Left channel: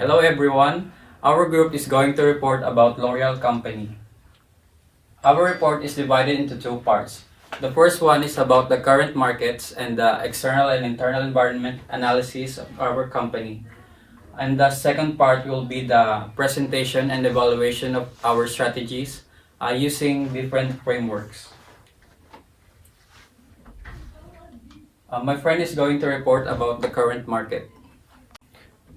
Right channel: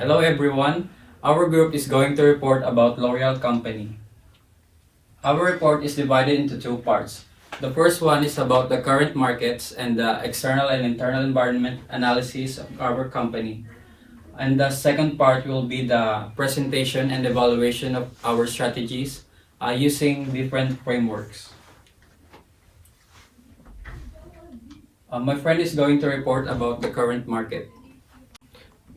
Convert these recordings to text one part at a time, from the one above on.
Hello everyone. Our group is going to report about L'Oreal Company. Our report is divided into two parts. The first one is about the current markets and the external and internal environment analysis of our company. And the second part will be the presentation and evaluation of our strategies using different frameworks. My friend is going to report about the current market.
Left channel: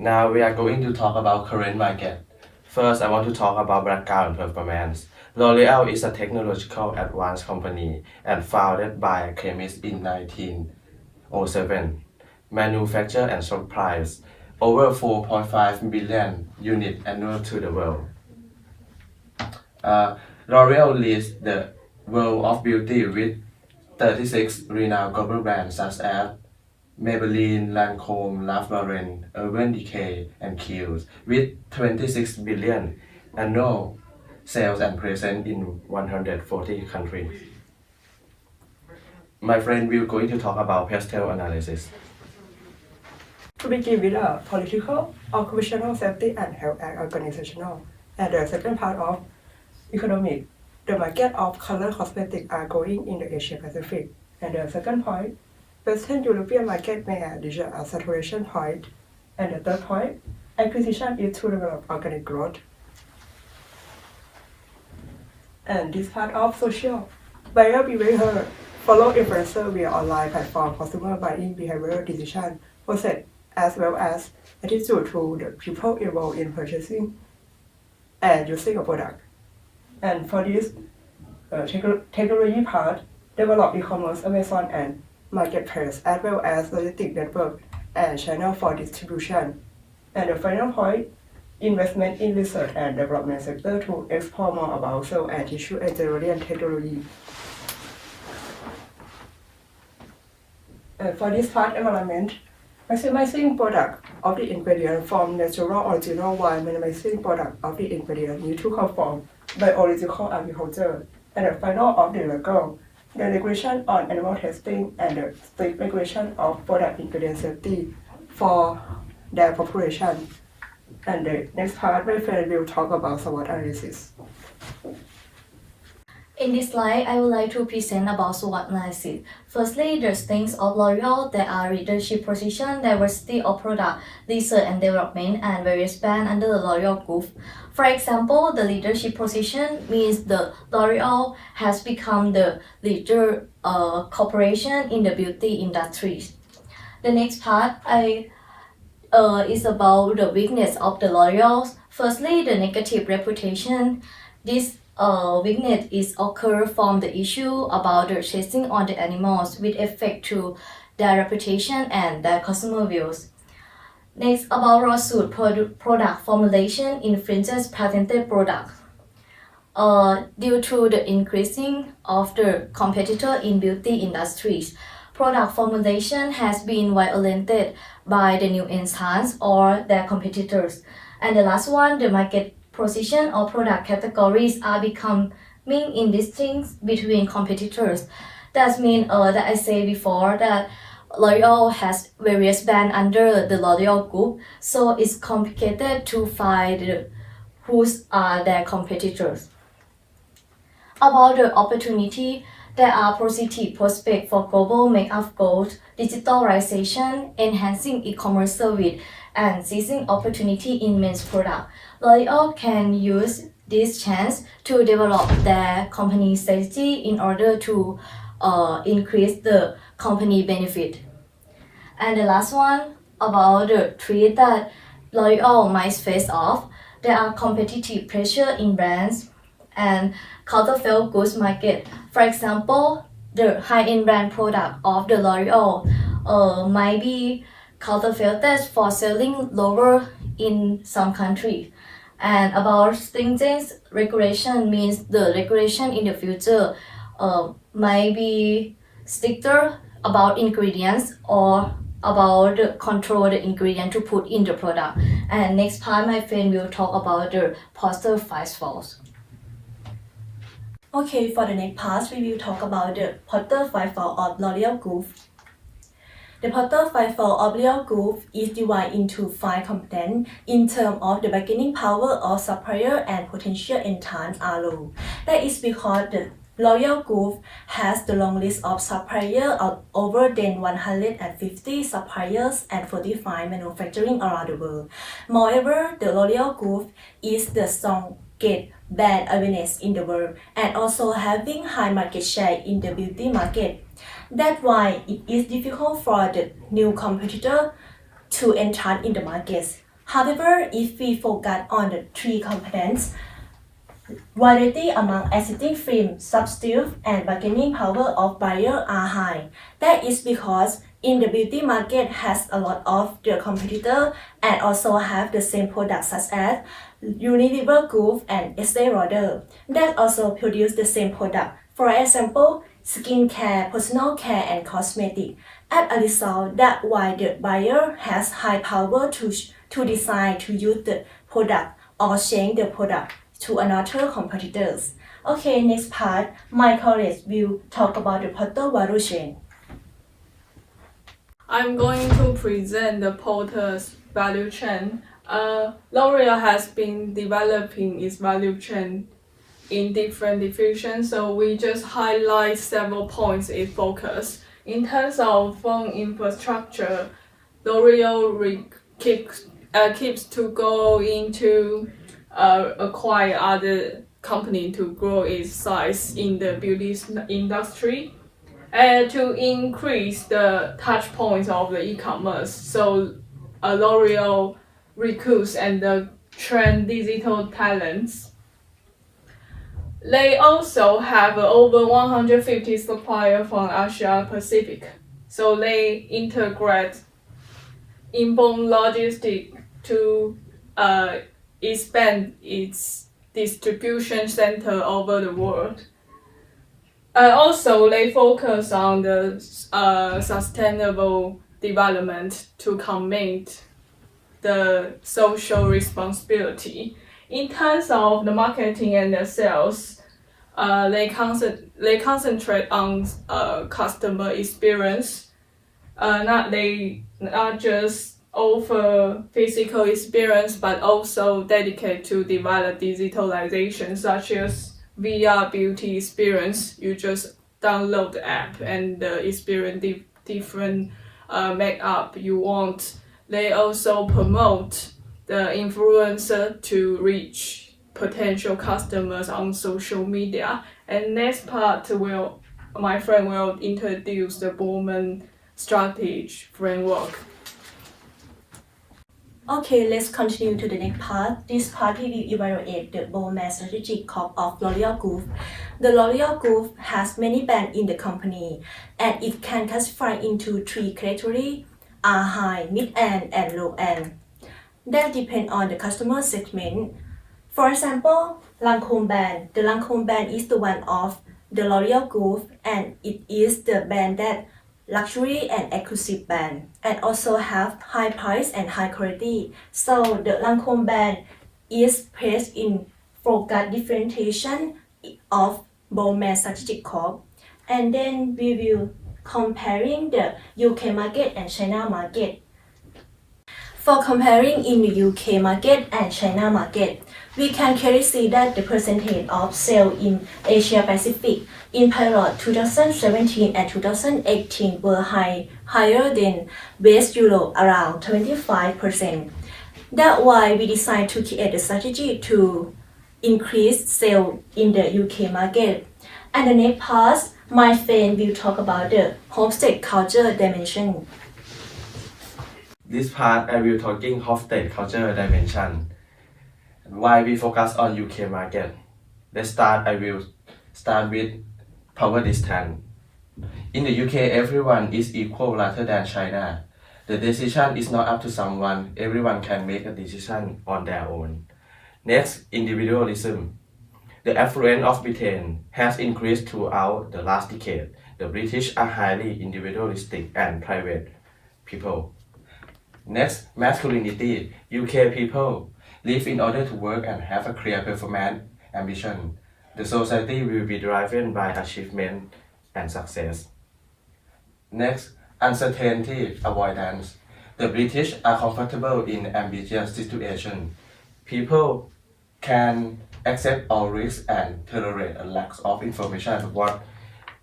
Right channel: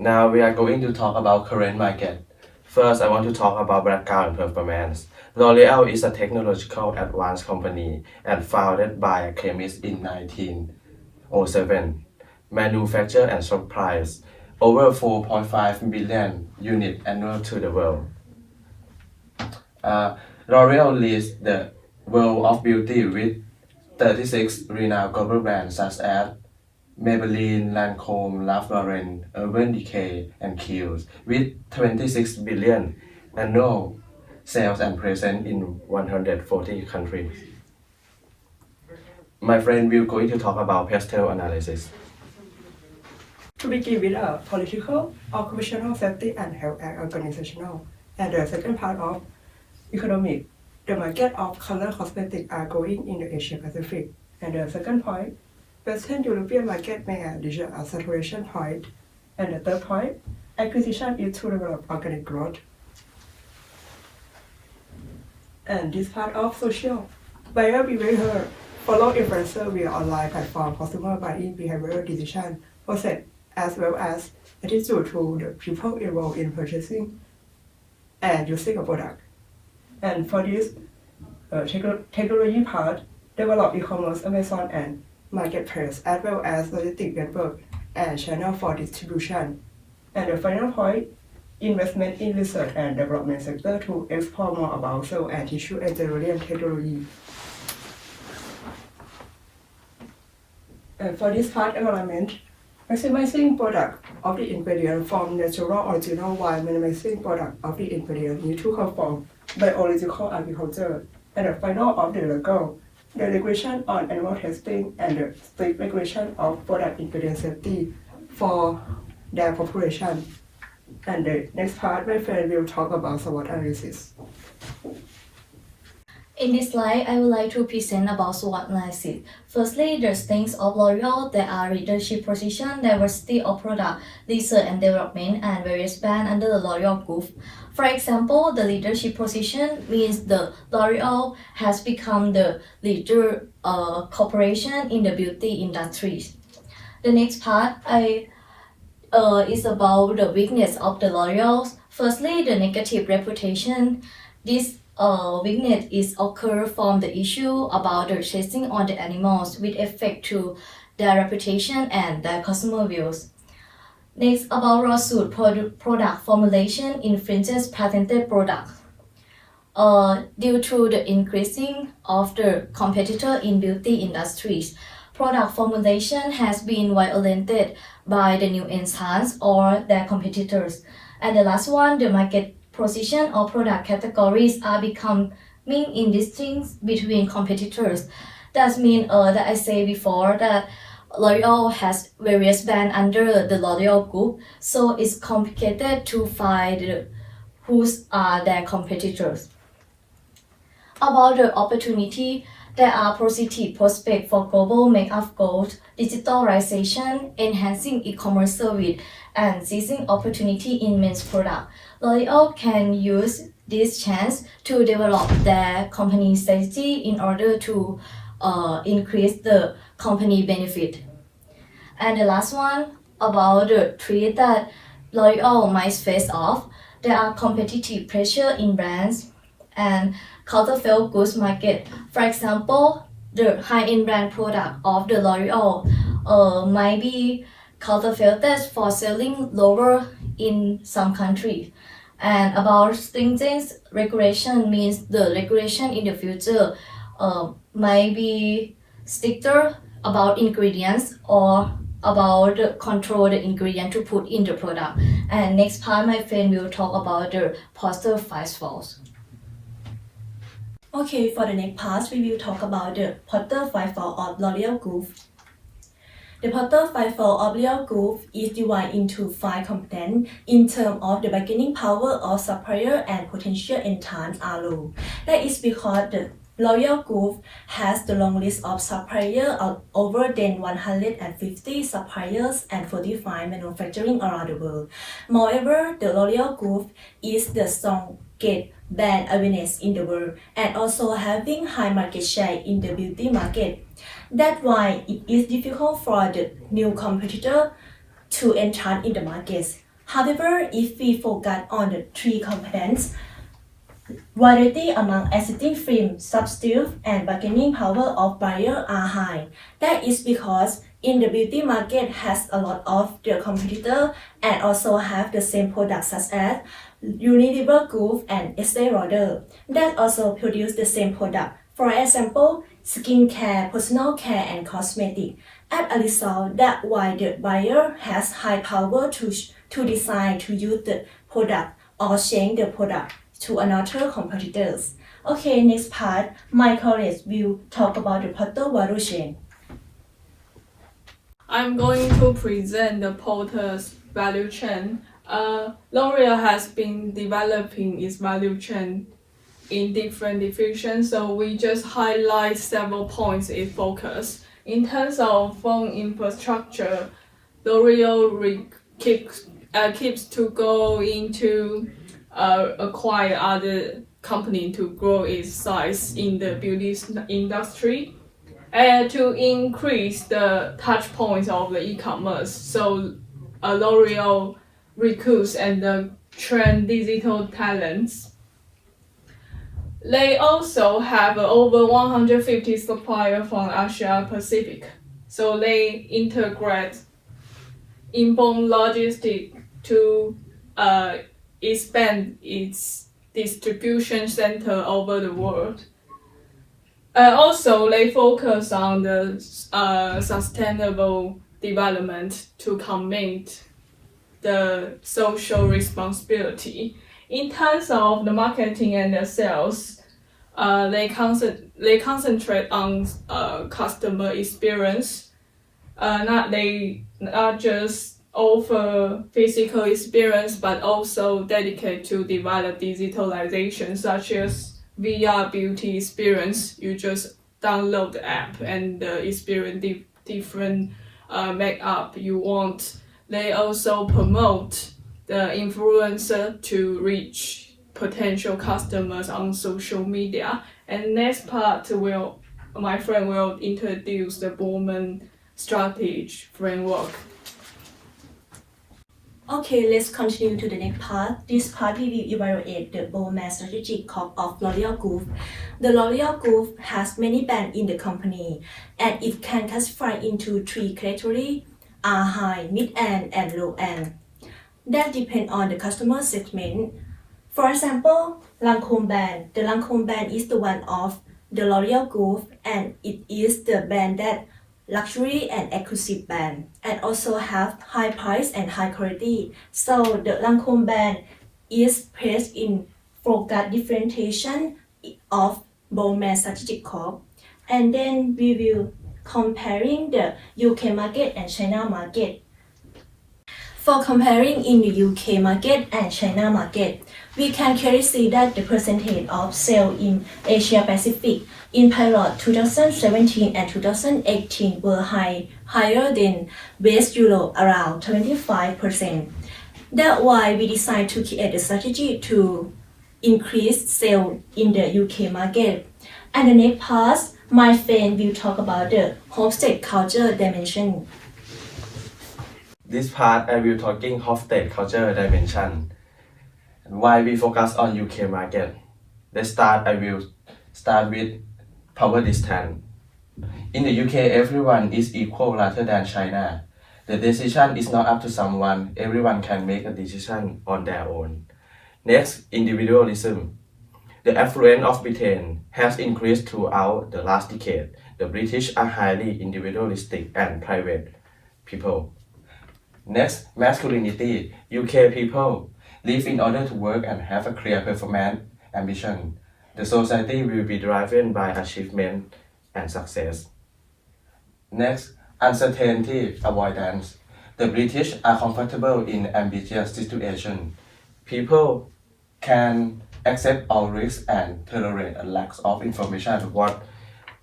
Now we are going to talk about current market. First, I want to talk about background and performance. L'Oreal is a technological advanced company and founded by a chemist in 1907. Manufacture and supplies over 4.5 billion units annual to the world. L'Oreal leads the world of beauty with 36 renowned global brands such as Maybelline, Lancome, Ralph Lauren, Urban Decay, and Kiehl's, with 26 billion annual sales and present in 140 countries. My friend will going to talk about pastel analysis. To begin with political, occupational safety and health and organizational, and the second part of economic. The market of color cosmetics are growing in the Asia Pacific. And the second point, Western European market may reach a saturation point. And the third point, acquisition is to develop organic growth. And this part of social, buyer behavior, follow influencer via online platform, consumer buying behavior decision process, as well as attitude to the people involved in purchasing and using a product. And for this technology part, develop e-commerce, Amazon, and marketplace, as well as logistic network and channel for distribution. And the final point, investment in research and development sector to explore more about cell and tissue engineering technology. And for this part, environment, maximizing product of the ingredient from natural original while minimizing product of the ingredient need to come from biological agriculture. And the final of the legal, the regulation on animal testing and the strict regulation of product ingredient safety for their population. And the next part, my friend will talk about SWOT analysis. In this slide, I would like to present about SWOT analysis. Firstly, the strengths of L'Oreal, there are leadership position, diversity of product, research and development, and various brands under the L'Oreal group. For example, the leadership position means the L'Oreal has become the leader corporation in the beauty industry. The next part is about the weakness of the L'Oreal. Firstly, the negative reputation. This weakness is occur from the issue about the chasing on the animals with effect to their reputation and their consumer views. Next, about lawsuit product formulation infringes patented products. Due to the increasing of the competitor in beauty industries, product formulation has been violated by the new entrants or their competitors. And the last one, the market position or product categories are becoming indistinct between competitors. That means that I say before that L'Oreal has various brands under the L'Oreal group, so it's complicated to find who are their competitors. About the opportunity, there are positive prospects for global makeup growth, digitalization, enhancing e-commerce service, and seizing opportunity in men's product. L'Oreal can use this chance to develop their company strategy in order to increase the company benefit. And the last one, about the threat that L'Oreal might face off, there are competitive pressure in brands and counterfeit goods market. For example, the high-end brand product of the L'Oreal might be counterfeited for selling lower in some countries. And about stringent regulation means the regulation in the future might be stricter about ingredients or about the control the ingredient to put in the product. And next part, my friend will talk about the poster 5 falls. Okay, for the next part, we will talk about the Potter 5 fall of L'Oreal Group. The product fivefold of L'Oreal Group is divided into 5 components in terms of the bargaining power of supplier and potential entrants are low. That is because the L'Oreal Group has the long list of suppliers of over than 150 suppliers and 45 manufacturing around the world. Moreover, the L'Oreal Group is the strongest brand awareness in the world and also having high market share in the beauty market. That's why it is difficult for the new competitor to enter in the markets. However, if we focus on the 3 components, variety among existing film, substitute, and bargaining power of buyers are high. That is because in the beauty market has a lot of the competitor and also have the same products such as Unilever Group and Estee Lauder that also produce the same product. For example, skincare, personal care, and cosmetic. As a result, that's why the buyer has high power to decide to use the product or change the product to another competitors. Okay, next part, my colleagues will talk about the product value chain. I'm going to present the Porter's value chain. L'Oreal has been developing its value chain in different divisions, so we just highlight several points it focus. In terms of phone infrastructure, L'Oreal keeps to go into acquire other company to grow its size in the beauty industry and to increase the touch points of the e-commerce. So L'Oreal recruits and train digital talents. They also have over 150 suppliers from Asia Pacific. So they integrate inbound logistics to expand its distribution center over the world. Also, they focus on the sustainable development to commit the social responsibility. In terms of the marketing and the sales, they concentrate on customer experience. They not just offer physical experience, but also dedicate to develop digitalization, such as VR beauty experience. You just download the app and experience different makeup you want. They also promote the influencer to reach potential customers on social media. And next part my friend will introduce the Bowman strategy framework. Okay, let's continue to the next part. This part we will evaluate the Bowman strategic CORP of L'Oreal Group. The L'Oreal Group has many brands in the company, and it can classify into 3 categories: high, mid-end, and low-end. That depends on the customer segment. For example, Lancome brand. The Lancome brand is the one of the L'Oreal Group, and it is the brand that luxury and exclusive brand, and also have high price and high quality. So the Lancome brand is placed in focus differentiation of Bowman strategic CORP. And then we will comparing the UK market and China market. For comparing in the UK market and China market, we can clearly see that the percentage of sales in Asia Pacific in period 2017 and 2018 were higher than West Europe, around 25%. That's why we decided to create a strategy to increase sales in the UK market. And the next part, my friend will talk about the hosted culture dimension. This part I will talking hosted culture dimension. Why we focus on UK market. I will start with power distance. In the UK, everyone is equal rather than China. The decision is not up to someone. Everyone can make a decision on their own. Next, individualism. The affluence of Britain has increased throughout the last decade. The British are highly individualistic and private people. Next, masculinity. UK people live in order to work and have a clear performance ambition. The society will be driven by achievement and success. Next, Uncertainty avoidance. The British are comfortable in ambiguous situations. People can accept all risks and tolerate a lack of information about what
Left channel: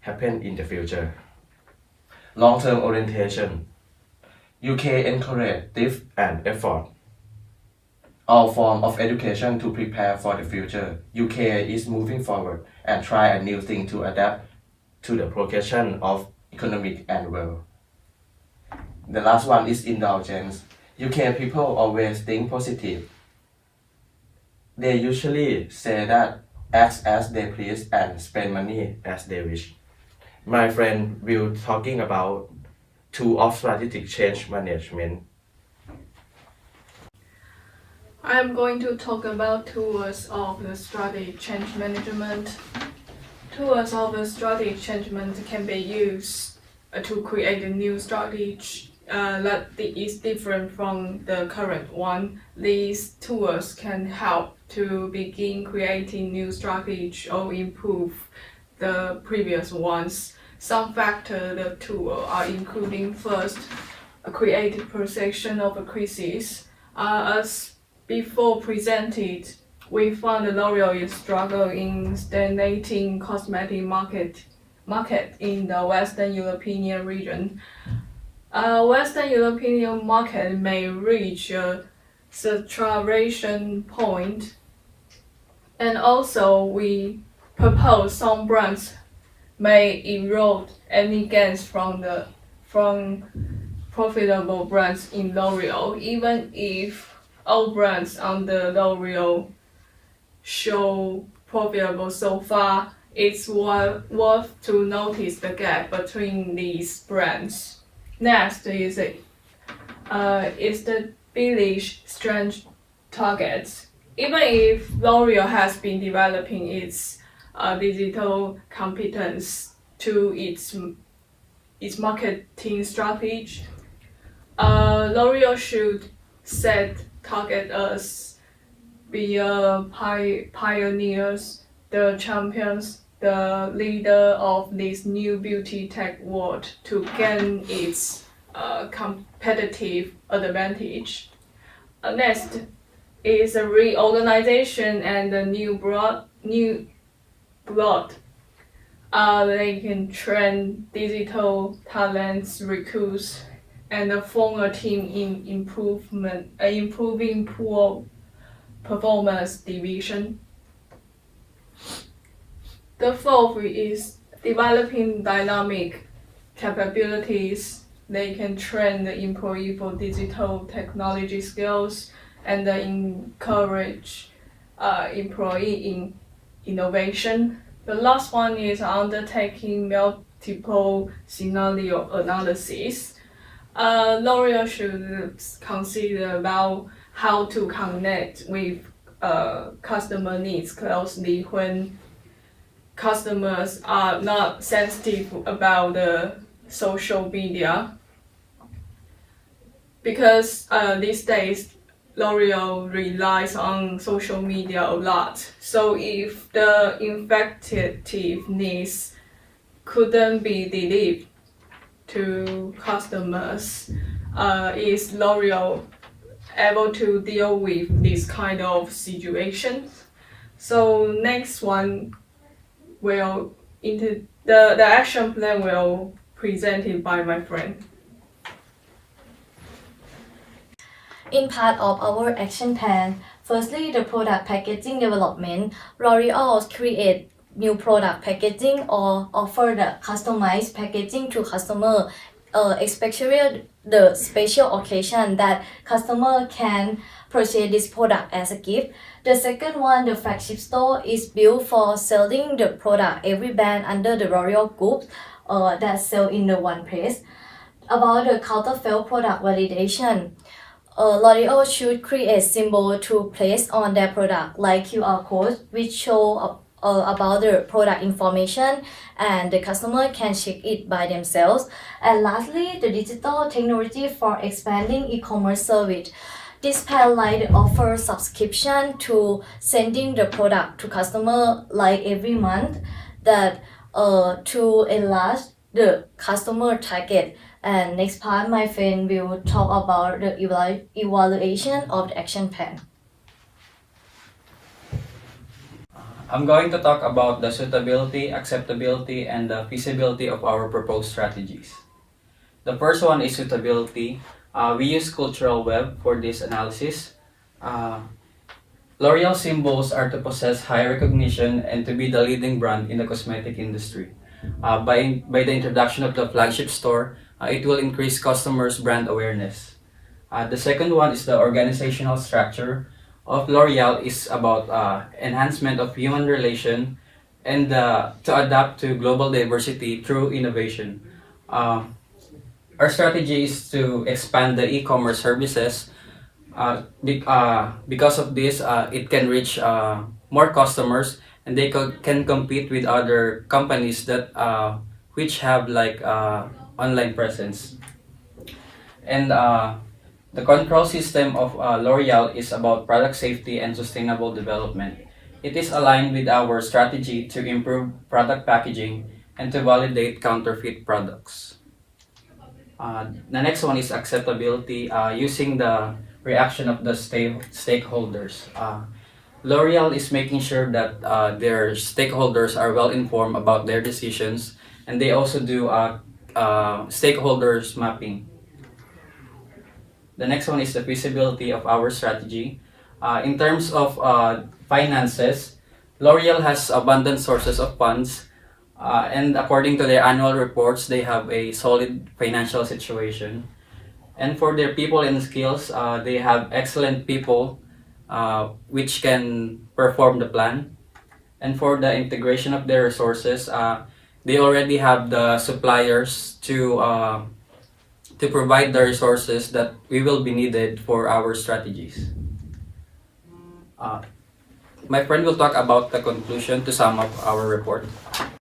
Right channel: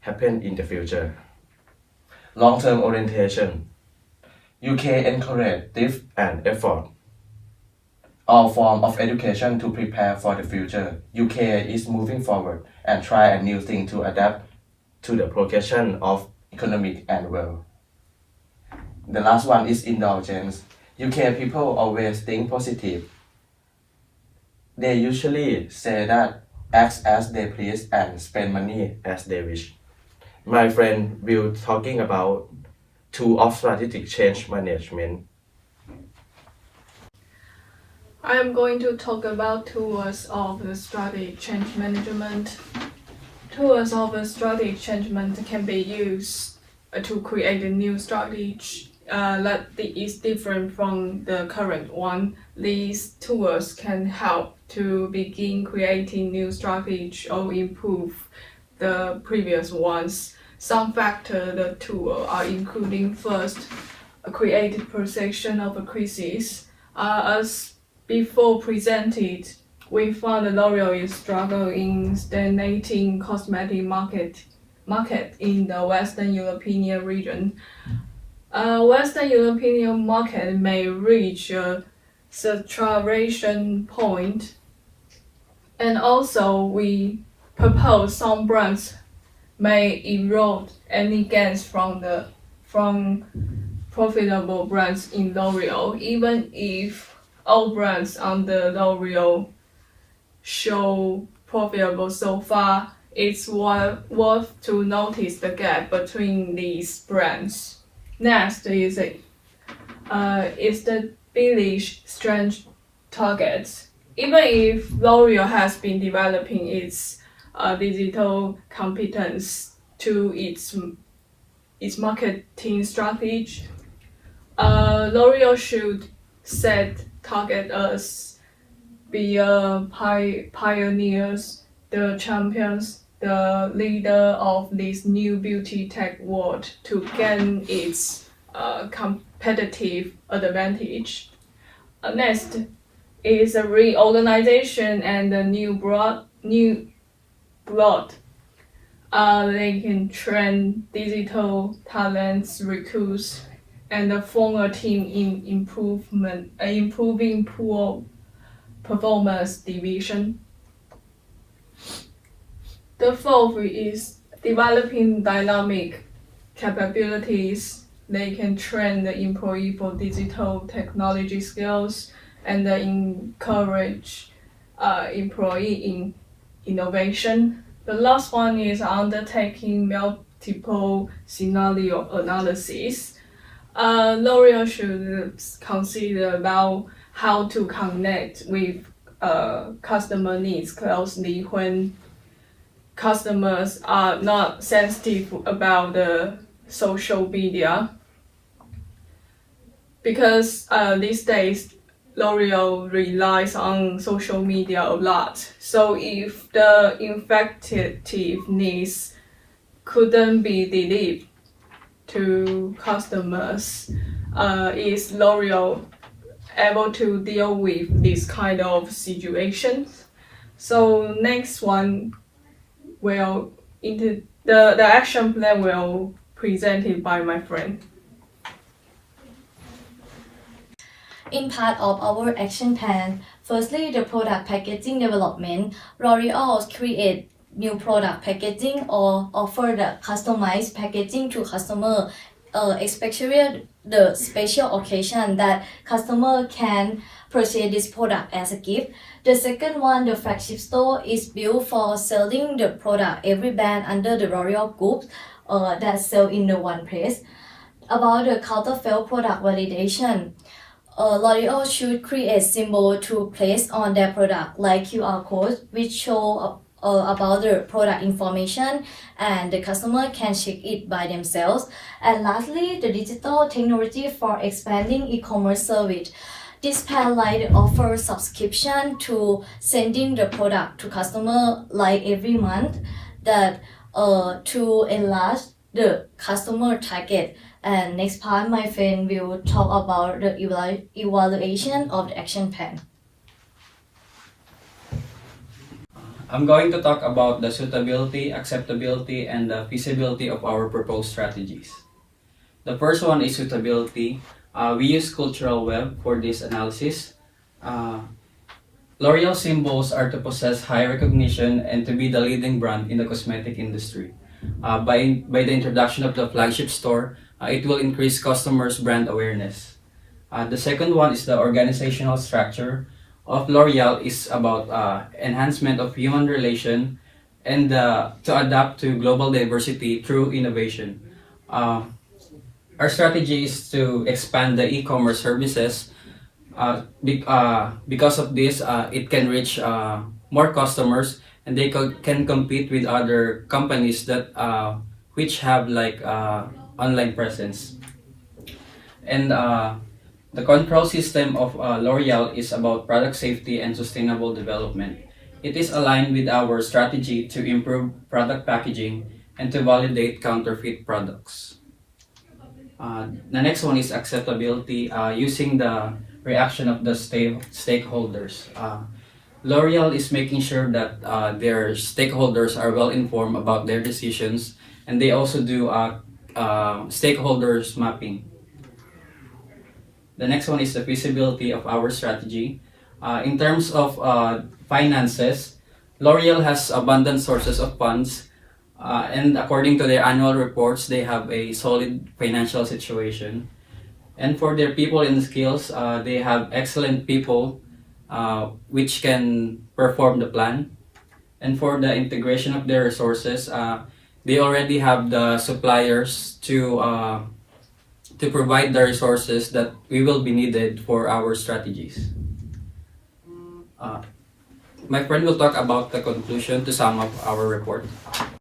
happen in the future. Long-term orientation. UK encourage depth and effort. All forms of education to prepare for the future. UK is moving forward and try a new thing to adapt to the progression of economic and world. The last one is indulgence. UK people always think positive. They usually say that act as they please and spend money as they wish. My friend will talking about tool of strategic change management. I am going to talk about tools of the strategic change management. Tools of the strategic change management can be used to create a new strategy that is different from the current one. These tools can help to begin creating new strategies or improve the previous ones. Some factors the tool are including first, a creative perception of a crisis. As before presented, we found the L'Oreal is struggling in stagnating cosmetic market in the Western European region. Western European market may reach a saturation point, and also we propose some brands may erode any gains from profitable brands in L'Oreal, even if all brands under L'Oreal show profitable so far. It's worth to notice the gap between these brands. Next is the village strength targets. Even if L'Oreal has been developing its digital competence to its marketing strategy, L'Oreal should set target as be pioneers, the champions, the leader of this new beauty tech world to gain its competitive advantage. Next is a reorganization and a new broad. They can train digital talents, recruits, and form a team in improving poor performance division. The fourth is developing dynamic capabilities. They can train the employee for digital technology skills and encourage employee in innovation. The last one is undertaking multiple scenario analysis. L'Oreal should consider about how to connect with customer needs closely when customers are not sensitive about the social media, because these days L'Oreal relies on social media a lot. So if the effectiveness couldn't be delivered to customers, is L'Oreal able to deal with this kind of situation? So next one will into the action plan will presented by my friend. In part of our action plan, firstly, the product packaging development, L'Oreal create new product packaging or offer the customized packaging to customer, especially the special occasion that customer can purchase this product as a gift. The second one, the flagship store, is built for selling the product every brand under the L'Oreal group that sell in the one place. About the counterfeit product validation, L'Oreal should create symbol to place on their product like QR code which show about the product information and the customer can check it by themselves. And lastly, the digital technology for expanding e-commerce service. This plan offer subscription to sending the product to customer like every month that to enlarge the customer target And next part, my friend will talk about the evaluation of the action plan. I'm going to talk about the suitability, acceptability, and the feasibility of our proposed strategies. The first one is suitability. We use Cultural Web for this analysis. L'Oreal symbols are to possess high recognition and to be the leading brand in the cosmetic industry. By the introduction of the flagship store, it will increase customers' brand awareness. The second one is the organizational structure of L'Oreal is about enhancement of human relation and to adapt to global diversity through innovation. Our strategy is to expand the e-commerce services. Because of this, it can reach more customers and they can compete with other companies that which have like online presence. And the control system of L'Oreal is about product safety and sustainable development. It is aligned with our strategy to improve product packaging and to validate counterfeit products. The next one is acceptability, using the reaction of the stakeholders. L'Oreal is making sure that their stakeholders are well informed about their decisions, and they also do stakeholders mapping. The next one is the feasibility of our strategy. In terms of finances, L'Oreal has abundant sources of funds, and according to their annual reports, they have a solid financial situation. And for their people and skills, they have excellent people which can perform the plan. And for the integration of their resources, they already have the suppliers to provide the resources that we will be needed for our strategies. My friend will talk about the conclusion to sum up our report.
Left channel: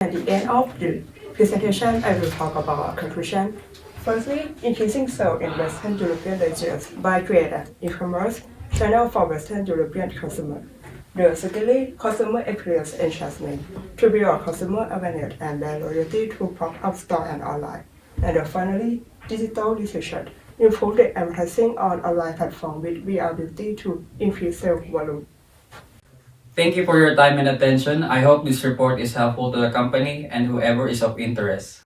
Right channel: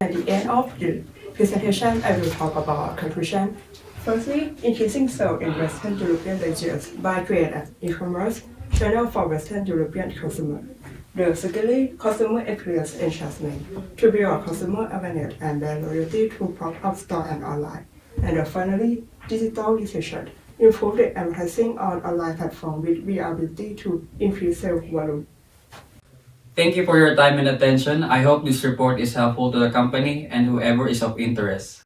At the end of the presentation, I will talk about conclusion. Firstly, increasing sales in Western European regions by creating e-commerce channel for Western European consumer. Secondly, customer experience enhancement to build consumer awareness and brand loyalty to pop-up store and online. And finally, digital decision, improve the advertising on online platform with ability to increase sales volume. Thank you for your time and attention. I hope this report is helpful to the company and whoever is of interest.